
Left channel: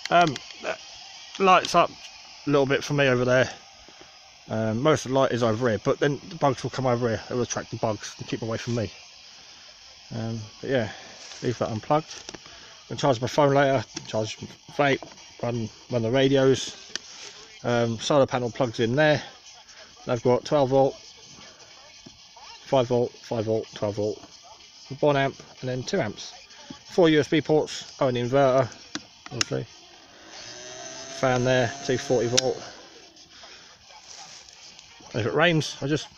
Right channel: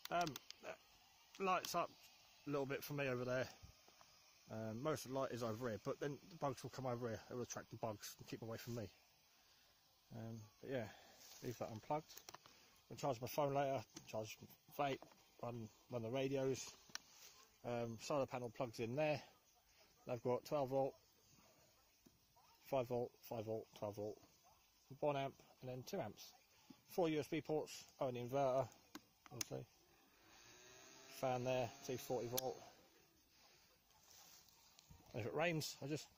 That lights up a little bit for me over there. Most of the light is over here, but then the bugs will come over here. It will attract the bugs and keep them away from me. But yeah, leave that unplugged. I'm going to charge my phone later, charge vape, run the radios. Solar panel plugs in there. I've got 12 volt, 5 volt, 5 volt, 12 volt, 1 amp, and then 2 amps. 4 USB ports, an inverter, obviously. Fan there, 240 volt. And if it rains, I just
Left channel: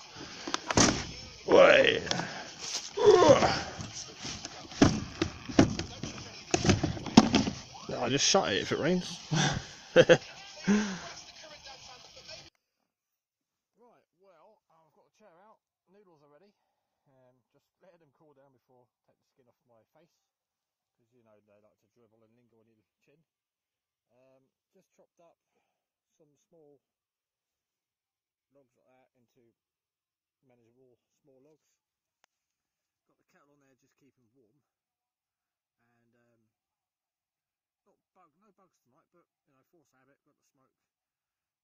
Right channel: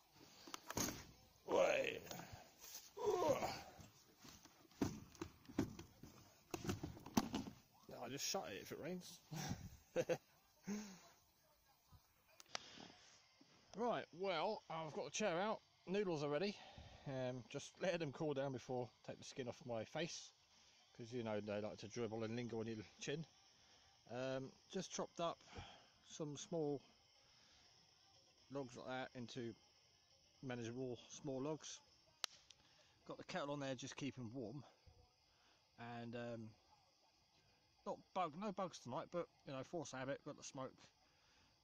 shut it if it rains. Right, well, I've got the chair out, noodles are ready. Just let them cool down before I take the skin off my face, because you know they like to dribble and linger on your chin. Just chopped up some small logs like that into manageable small logs. Got the kettle on there, just keeping warm, and no bugs tonight, but you know, force habit. Got the smoke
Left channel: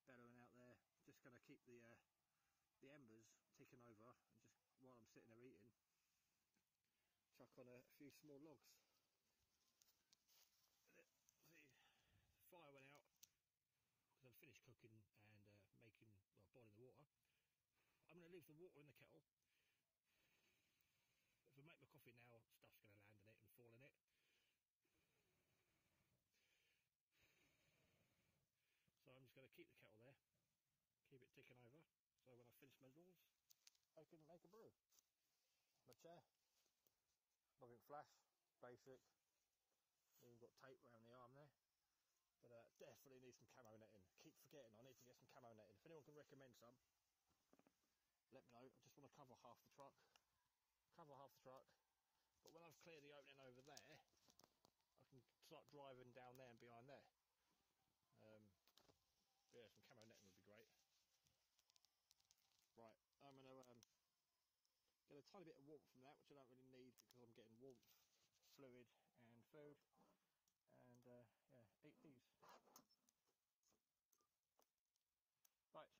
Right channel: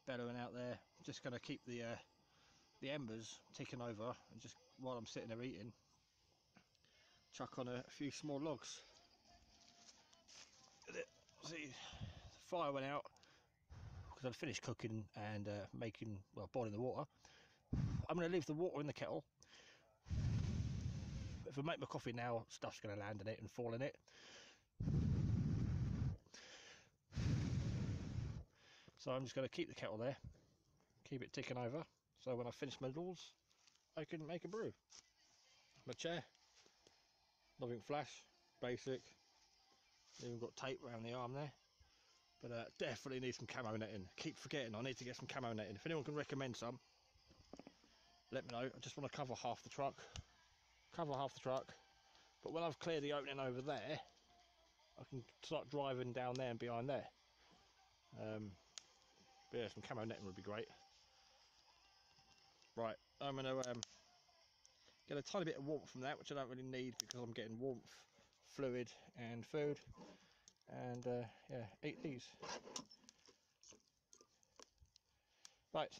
bellowing out there. Just going to keep the embers ticking over, and just while I'm sitting there eating, chuck on a few small logs. See, the fire went out because I'd finished cooking and boiling the water. I'm going to leave the water in the kettle. If I make my coffee now, stuff's going to land in it and fall in it. So I'm just going to keep the kettle there, keep it ticking over, so when I finish my noodles, I can make a brew. My chair, nothing flash, basic, even got tape around the arm there, but definitely need some camo netting. Keep forgetting I need to get some camo netting. If anyone can recommend some, let me know. I just want to cover half the truck, but when I've cleared the opening over there, I can start driving down there and behind there. But yeah, some camo netting would be great. Right, I'm going to get a tiny bit of warmth from that, which I don't really need because I'm getting warmth, fluid and food, and yeah, eat these. Right,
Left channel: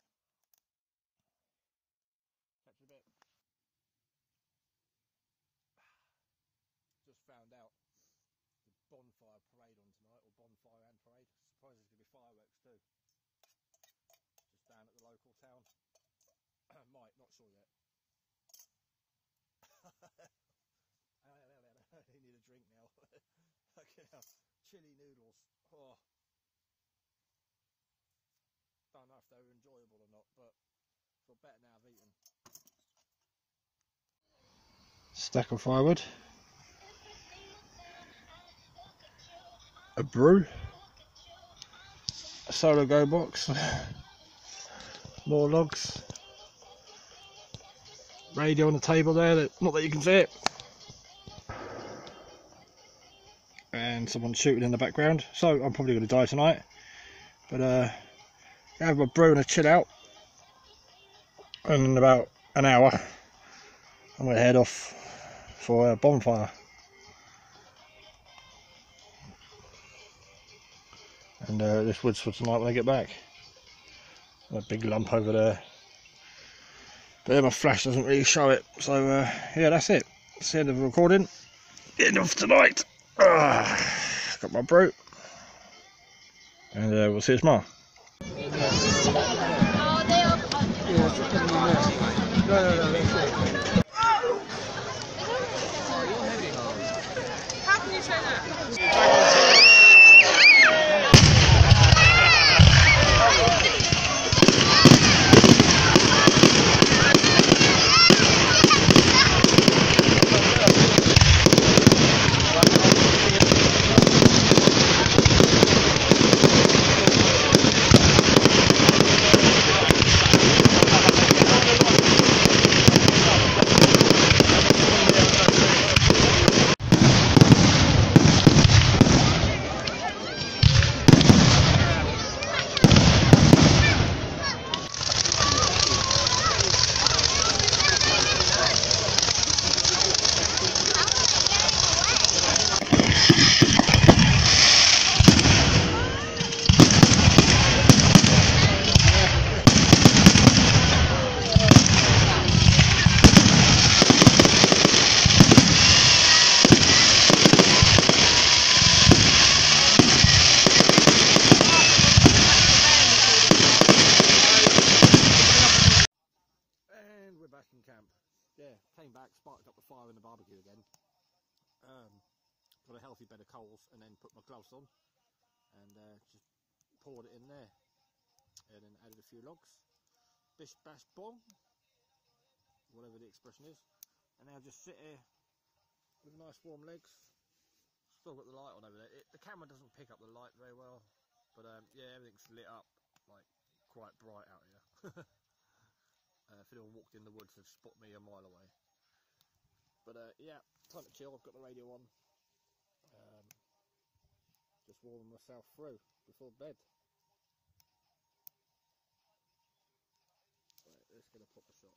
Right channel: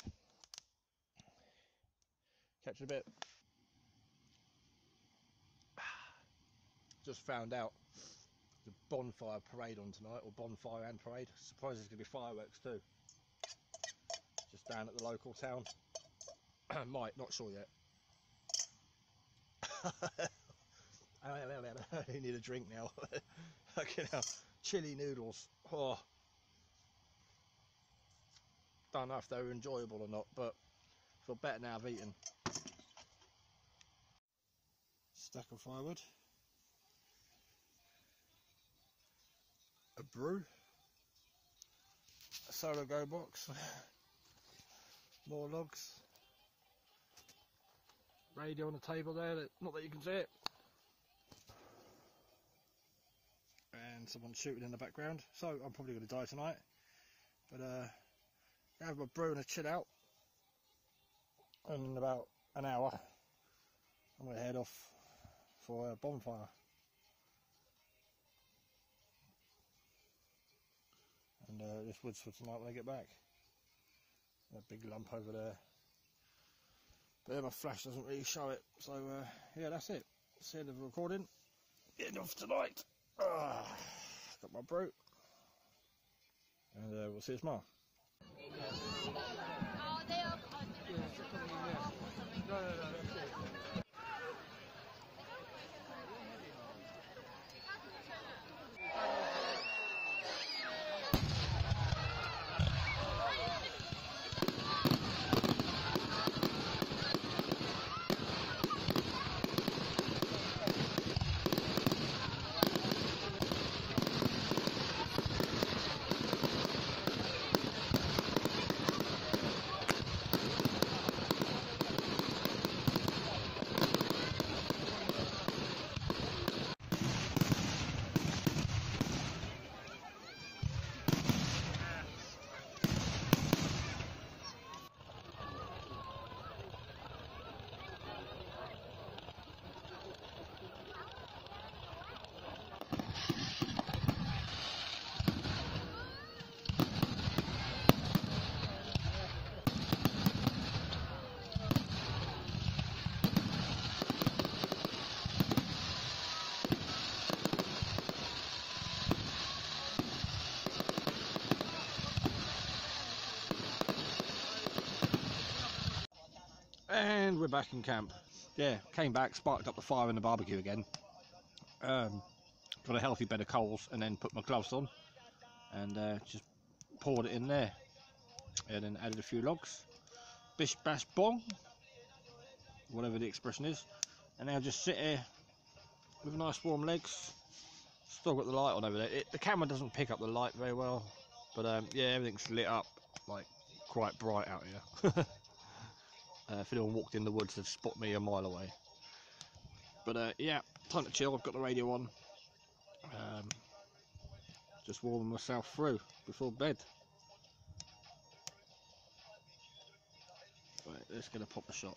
catch you in a bit. Just found out the bonfire parade on tonight, or bonfire and parade. Surprised there's going to be fireworks too. Just down at the local town. Might, not sure yet. I need a drink now. Fucking hell. Chili noodles. Oh. Don't know if they were enjoyable or not, but I feel better now I've eaten. Stack of firewood. A brew. A solar go box. More logs. Radio on the table there, not that you can see it. And someone shooting in the background. So I'm probably going to die tonight. But have my brew and a chill out. And in about an hour, I'm going to head off for a bonfire. And this wood's for tonight when I get back. A big lump over there. But yeah, my flash doesn't really show it. So yeah, that's it. That's the end of the recording. End of tonight. Got my brew, and we'll see you tomorrow. How can you say that? And we're back in camp. Yeah, came back, sparked up the fire in the barbecue again. Got a healthy bed of coals, and then put my gloves on and just poured it in there, and then added a few logs. Bish bash bong, whatever the expression is. And now just sit here with nice warm legs. Still got the light on over there. The camera doesn't pick up the light very well, but yeah, everything's lit up like quite bright out here. If anyone walked in the woods, they'd spot me a mile away. But yeah, time to chill. I've got the radio on. Just warming myself through before bed. Right, let's get a proper shot.